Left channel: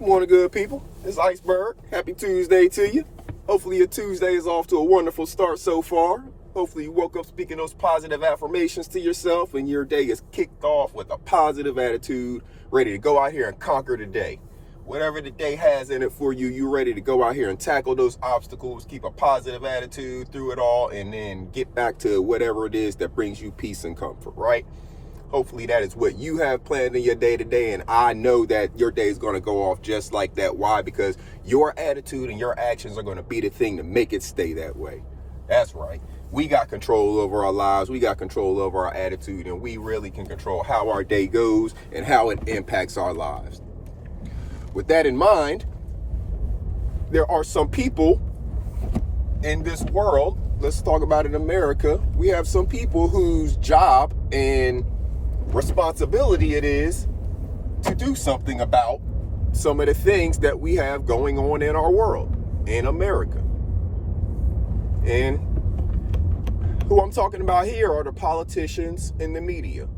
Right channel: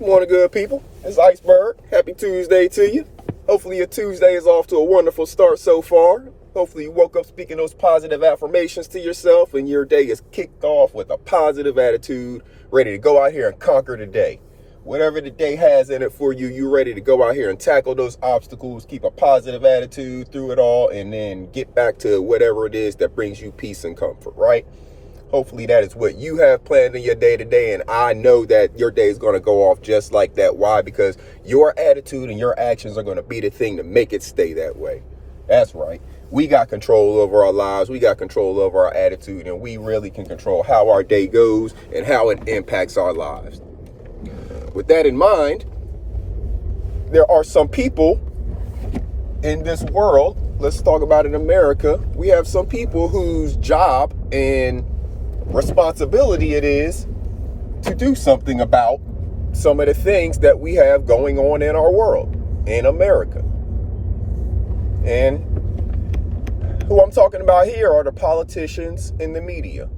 Morning, good people. It's Iceberg. Happy Tuesday to you. Hopefully your Tuesday is off to a wonderful start so far. Hopefully you woke up speaking those positive affirmations to yourself and your day is kicked off with a positive attitude, ready to go out here and conquer the day. Whatever the day has in it for you, you're ready to go out here and tackle those obstacles, keep a positive attitude through it all, and then get back to whatever it is that brings you peace and comfort, right? Hopefully that is what you have planned in your day to day, and I know that your day is going to go off just like that. Why? Because your attitude and your actions are going to be the thing to make it stay that way. That's right. We got control over our lives. We got control over our attitude, and we really can control how our day goes and how it impacts our lives. With that in mind, there are some people in this world, let's talk about in America, we have some people whose job and responsibility it is to do something about some of the things that we have going on in our world, in America. And who I'm talking about here are the politicians and the media.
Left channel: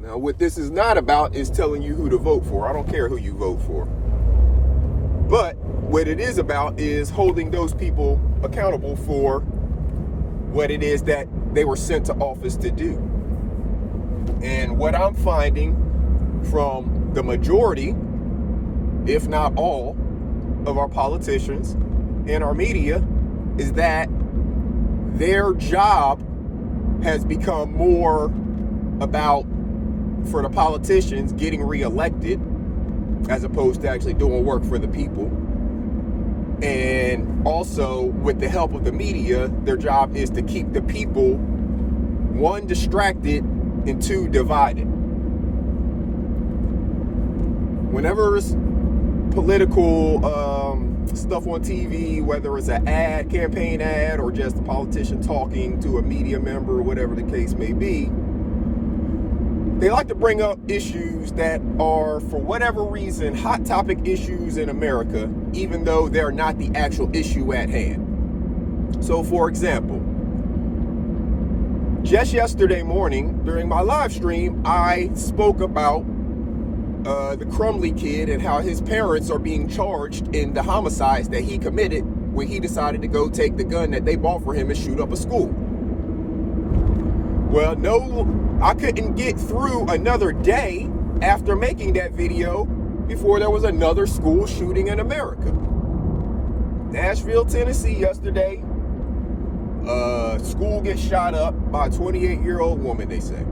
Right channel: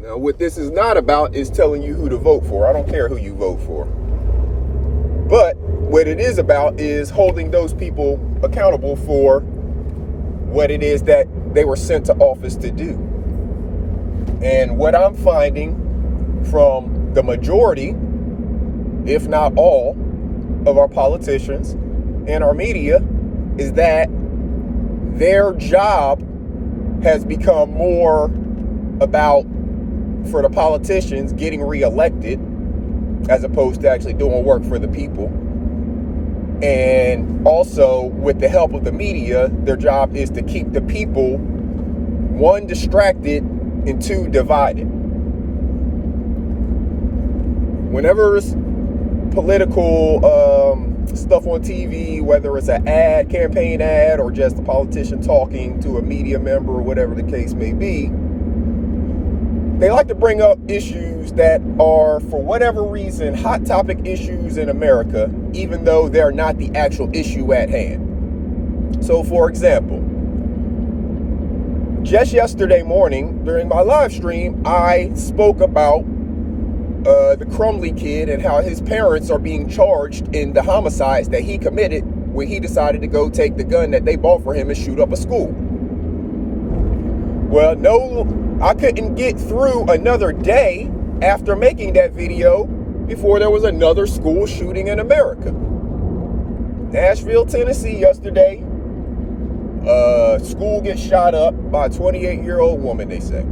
Now, what this is not about is telling you who to vote for. I don't care who you vote for. But what it is about is holding those people accountable for what it is that they were sent to office to do. And what I'm finding from the majority, if not all, of our politicians and our media is that their job has become more about, for the politicians, getting reelected as opposed to actually doing work for the people. And also, with the help of the media, their job is to keep the people, one, distracted, and two, divided. Whenever it's political stuff on TV, whether it's an ad, campaign ad, or just a politician talking to a media member or whatever the case may be, they like to bring up issues that are, for whatever reason, hot topic issues in America, even though they're not the actual issue at hand. So, for example, just yesterday morning, during my live stream, I spoke about the Crumley kid and how his parents are being charged in the homicides that he committed when he decided to go take the gun that they bought for him and shoot up a school. Well, no, I couldn't get through another day after making that video before there was another school shooting in America. Nashville, Tennessee yesterday. School gets shot up by a 28-year-old woman, they say.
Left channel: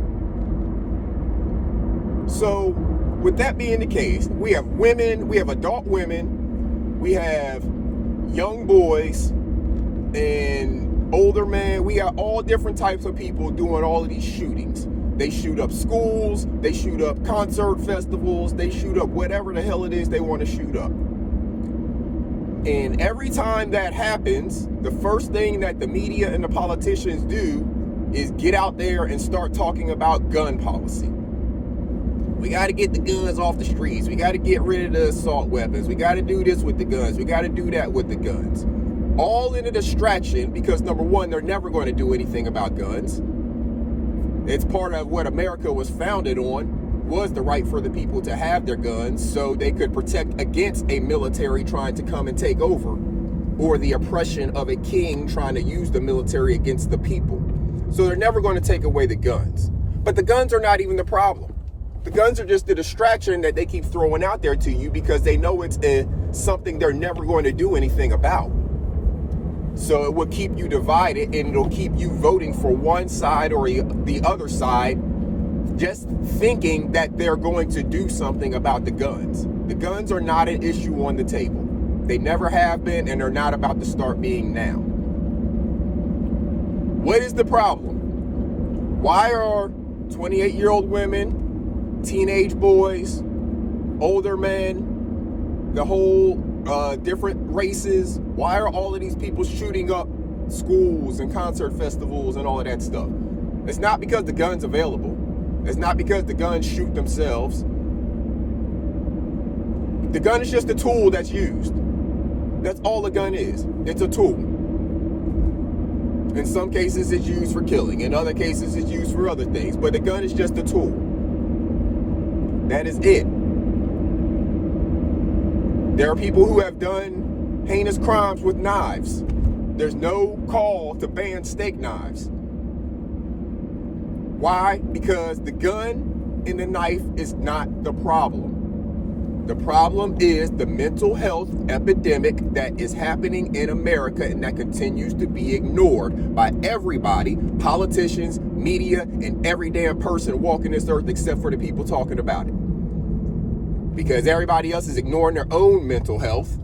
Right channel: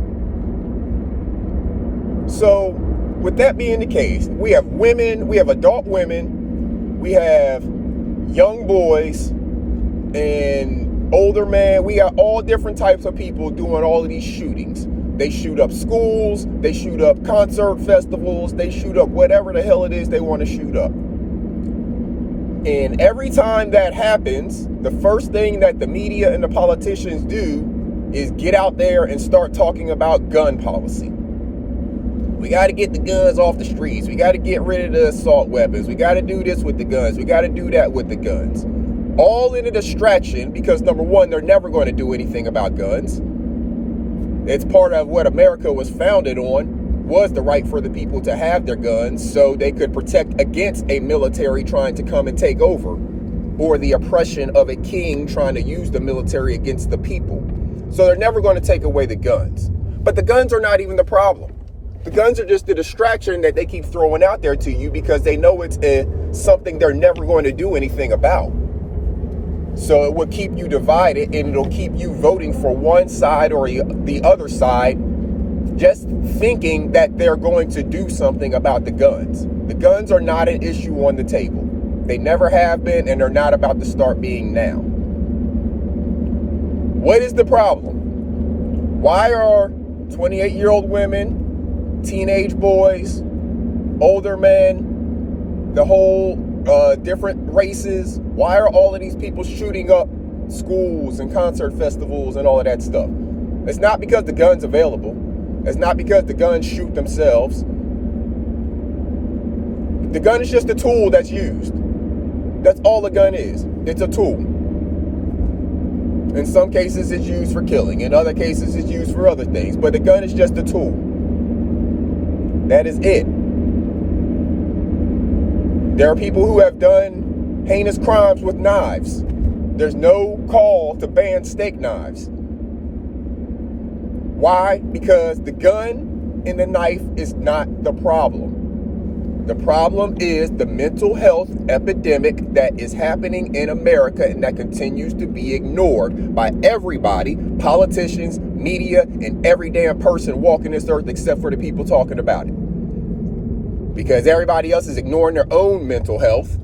So, with that being the case, we have women, we have adult women, we have young boys, and older men. We got all different types of people doing all of these shootings. They shoot up schools, they shoot up concert festivals, they shoot up whatever the hell it is they want to shoot up. And every time that happens, the first thing that the media and the politicians do is get out there and start talking about gun policy. We got to get the guns off the streets. We got to get rid of the assault weapons. We got to do this with the guns. We got to do that with the guns. All in a distraction because, number one, they're never going to do anything about guns. It's part of what America was founded on, was the right for the people to have their guns so they could protect against a military trying to come and take over, or the oppression of a king trying to use the military against the people. So they're never going to take away the guns. But the guns are not even the problem. The guns are just the distraction that they keep throwing out there to you because they know it's something they're never going to do anything about. So it will keep you divided, and it'll keep you voting for one side or the other side, just thinking that they're going to do something about the guns. The guns are not an issue on the table. They never have been, and they're not about to start being now. What is the problem? Why are 28-year-old women, teenage boys, older men, the whole different races, why are all of these people shooting up schools and concert festivals and all of that stuff? It's not because the gun's available. It's not because the guns shoot themselves. The gun is just a tool that's used. That's all the gun is. It's a tool. In some cases, it's used for killing. In other cases, it's used for other things. But the gun is just a tool. That is it. There are people who have done heinous crimes with knives. There's no call to ban steak knives. Why? Because the gun and the knife is not the problem. The problem is the mental health epidemic that is happening in America and that continues to be ignored by everybody, politicians, media, and every damn person walking this earth except for the people talking about it. Because everybody else is ignoring their own mental health.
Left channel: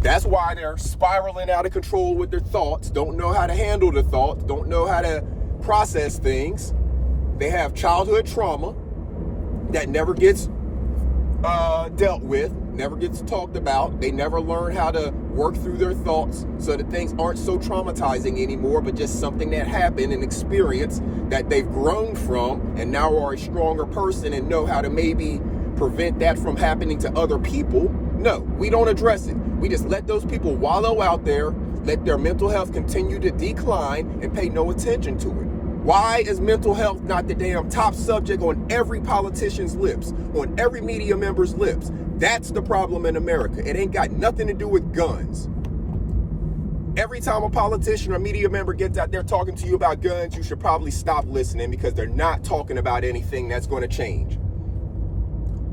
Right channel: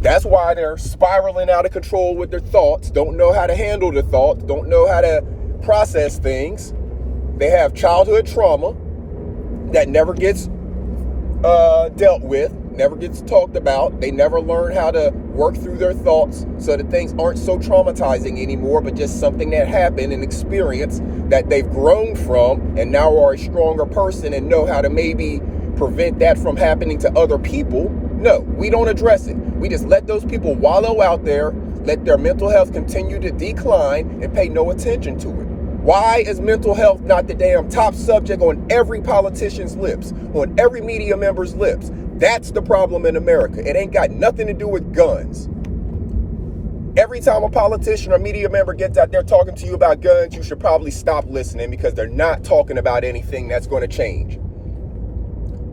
That's why they're spiraling out of control with their thoughts, don't know how to handle the thoughts, don't know how to process things. They have childhood trauma that never gets dealt with, never gets talked about. They never learn how to work through their thoughts so that things aren't so traumatizing anymore, but just something that happened, an experience that they've grown from and now are a stronger person and know how to maybe prevent that from happening to other people. No, we don't address it. We just let those people wallow out there, let their mental health continue to decline and pay no attention to it. Why is mental health not the damn top subject on every politician's lips, on every media member's lips? That's the problem in America. It ain't got nothing to do with guns. Every time a politician or media member gets out there talking to you about guns, you should probably stop listening because they're not talking about anything that's going to change.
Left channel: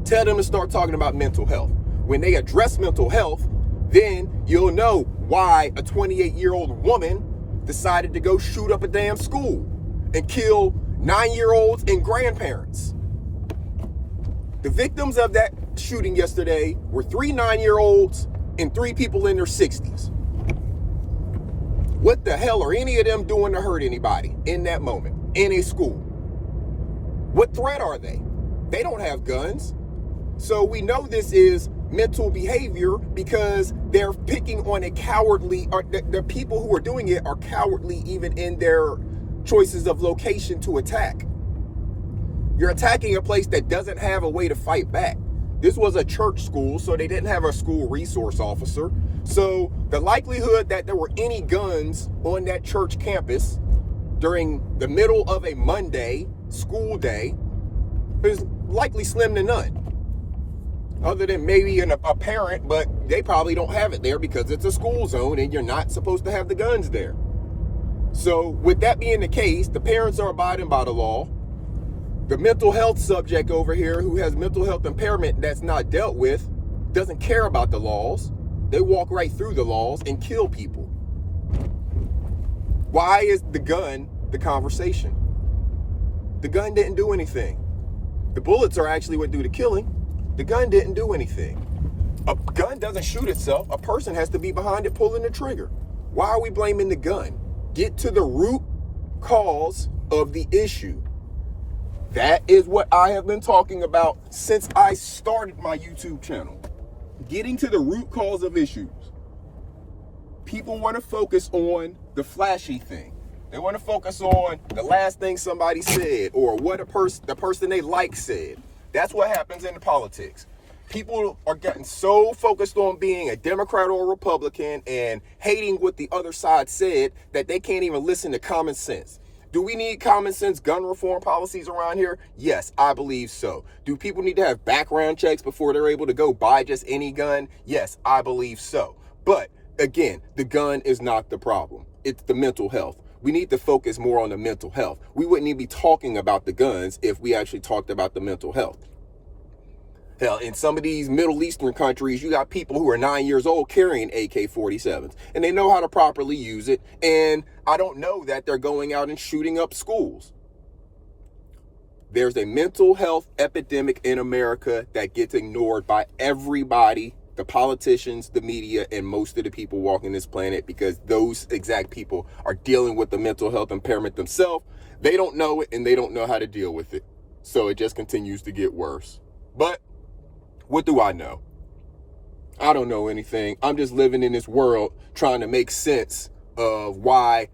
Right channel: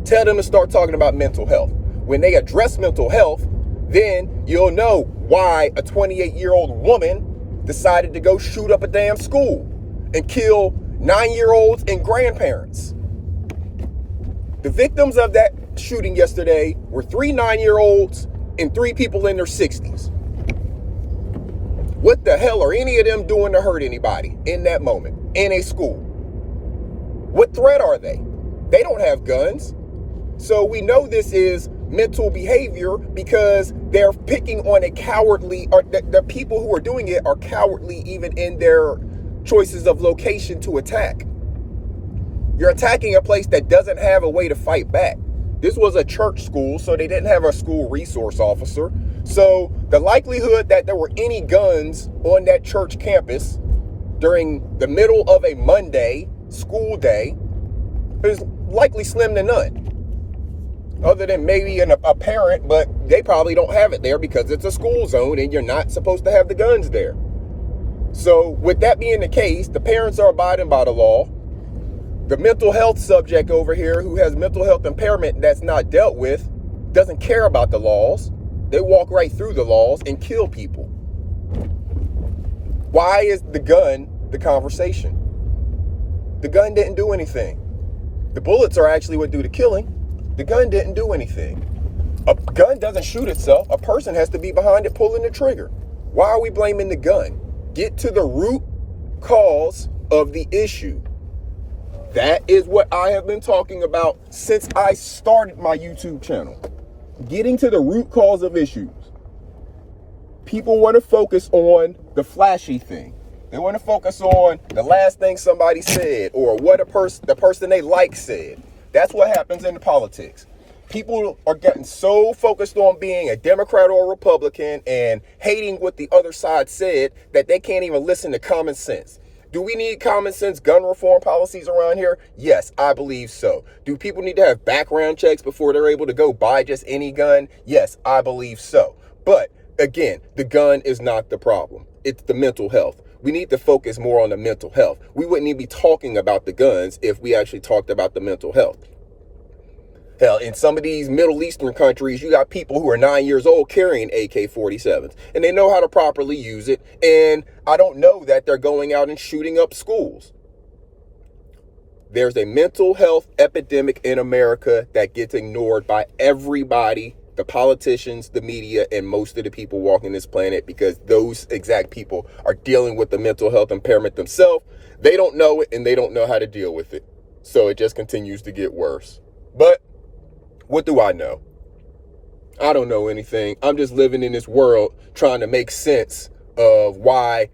Tell them to start talking about mental health. When they address mental health, then you'll know why a 28-year-old woman decided to go shoot up a damn school and kill 9-year-olds and grandparents. The victims of that shooting yesterday were 3 9-year-olds and 3 people in their 60s. What the hell are any of them doing to hurt anybody in that moment, in a school? What threat are they? They don't have guns. So we know this is mental behavior because they're picking on a cowardly, or the people who are doing it are cowardly even in their choices of location to attack. You're attacking a place that doesn't have a way to fight back. This was a church school, so they didn't have a school resource officer. So the likelihood that there were any guns on that church campus during the middle of a Monday school day is likely slim to none. Other than maybe a parent, but they probably don't have it there because it's a school zone and you're not supposed to have the guns there. So with that being the case, the parents are abiding by the law. The mental health subject over here who has mental health impairment that's not dealt with doesn't care about the laws. They walk right through the laws and kill people. Why is the gun the conversation? The gun didn't do anything. The bullets are actually what do the killing. The gun didn't do anything. A gun doesn't shoot itself. A person has to be behind it pulling the trigger. Why are we blaming the gun? Get to the root cause of the issue. That is what I have been talking about since I started my YouTube channel. Getting to the root cause of issues. People want to focus on the flashy thing. They want to focus on the last thing somebody said or what the person they like said. That's what happens in politics. People are getting so focused on being a Democrat or a Republican and hating what the other side said that they can't even listen to common sense. Do we need common sense gun reform policies around here? Yes, I believe so. Do people need to have background checks before they're able to go buy just any gun? Yes, I believe so. But again, the gun is not the problem. It's the mental health. We need to focus more on the mental health. We wouldn't even be talking about the guns if we actually talked about the mental health. Hell, in some of these Middle Eastern countries, you got people who are 9 years old carrying AK-47s, and they know how to properly use it. And I don't know that they're going out and shooting up schools. There's a mental health epidemic in America that gets ignored by everybody, the politicians, the media, and most of the people walking this planet, because those exact people are dealing with the mental health impairment themselves. They don't know it, and they don't know how to deal with it. So it just continues to get worse. But what do I know? I don't know anything. I'm just living in this world trying to make sense of why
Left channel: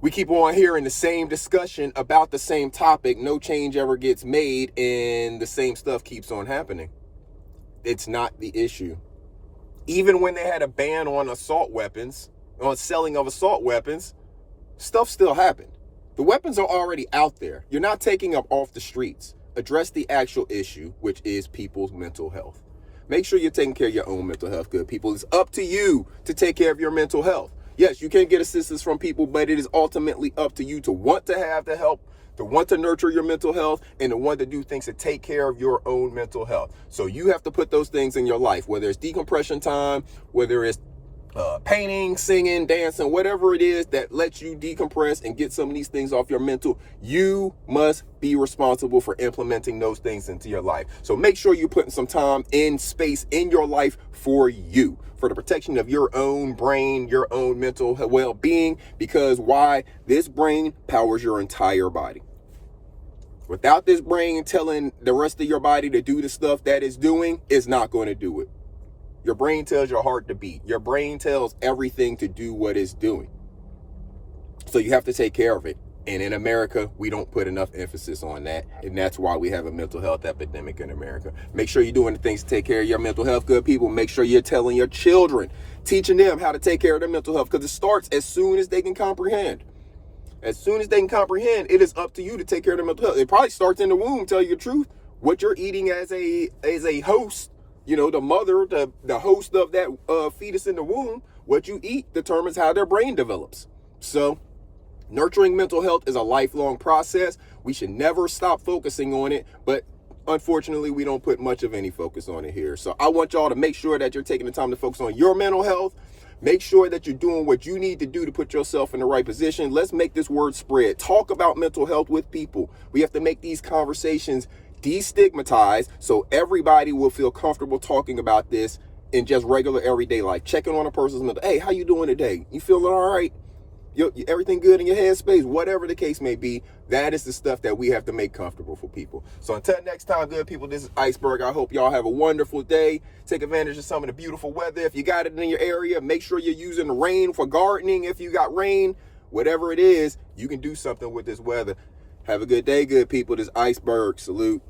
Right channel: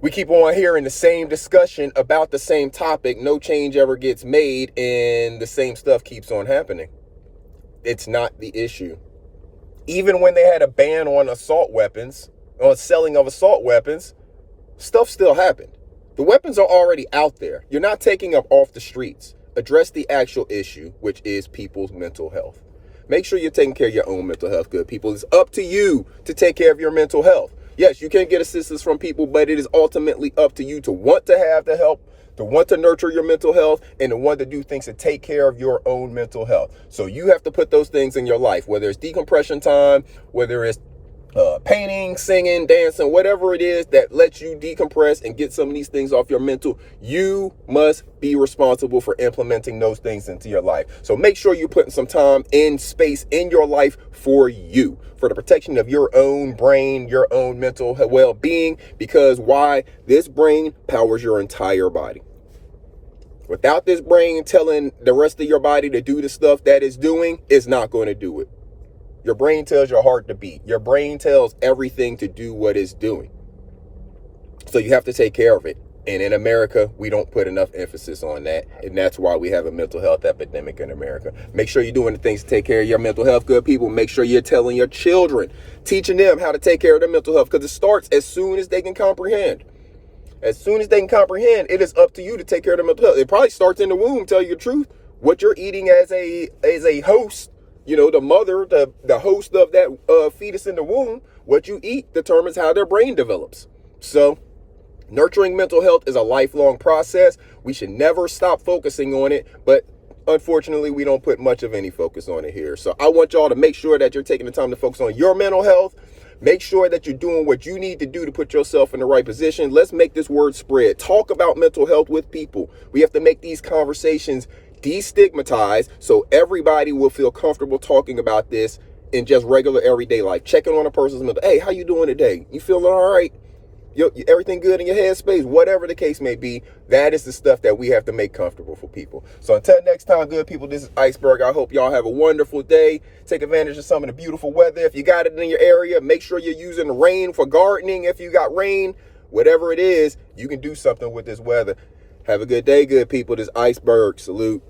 we keep on hearing the same discussion about the same topic. No change ever gets made and the same stuff keeps on happening. It's not the issue. Even when they had a ban on assault weapons, on selling of assault weapons, stuff still happened. The weapons are already out there. You're not taking them off the streets. Address the actual issue, which is people's mental health. Make sure you're taking care of your own mental health, good people. It's up to you to take care of your mental health. Yes, you can get assistance from people, but it is ultimately up to you to want to have the help, to want to nurture your mental health, and to want to do things to take care of your own mental health. So you have to put those things in your life, whether it's decompression time, whether it's painting, singing, dancing, whatever it is that lets you decompress and get some of these things off your mental. You must be responsible for implementing those things into your life. So make sure you're putting some time and space in your life for you, for the protection of your own brain, your own mental well-being, because why? This brain powers your entire body. Without this brain telling the rest of your body to do the stuff that it's doing, it's not going to do it. Your brain tells your heart to beat. Your brain tells everything to do what it's doing. So you have to take care of it. And in America, we don't put enough emphasis on that. And that's why we have a mental health epidemic in America. Make sure you're doing the things to take care of your mental health, good people. Make sure you're telling your children, teaching them how to take care of their mental health, because it starts as soon as they can comprehend. As soon as they can comprehend, it is up to you to take care of their mental health. It probably starts in the womb, tell you the truth. What you're eating as a host, you know, the mother, the host of that fetus in the womb, what you eat determines how their brain develops. So nurturing mental health is a lifelong process. We should never stop focusing on it, but unfortunately, we don't put much of any focus on it here. So I want y'all to make sure that you're taking the time to focus on your mental health. Make sure that you're doing what you need to do to put yourself in the right position. Let's make this word spread. Talk about mental health with people. We have to make these conversations destigmatized so everybody will feel comfortable talking about this in just regular everyday life. Checking on a person's mental. Hey, how you doing today? You feeling all right? Everything good in your headspace? Whatever the case may be, that is the stuff that we have to make comfortable for people. So until next time, good people, this is Iceberg. I hope y'all have a wonderful day. Take advantage of some of the beautiful weather. If you got it in your area, make sure you're using the rain for gardening. If you got rain, whatever it is, you can do something with this weather. Have a good day, good people. This is Iceberg. Salute.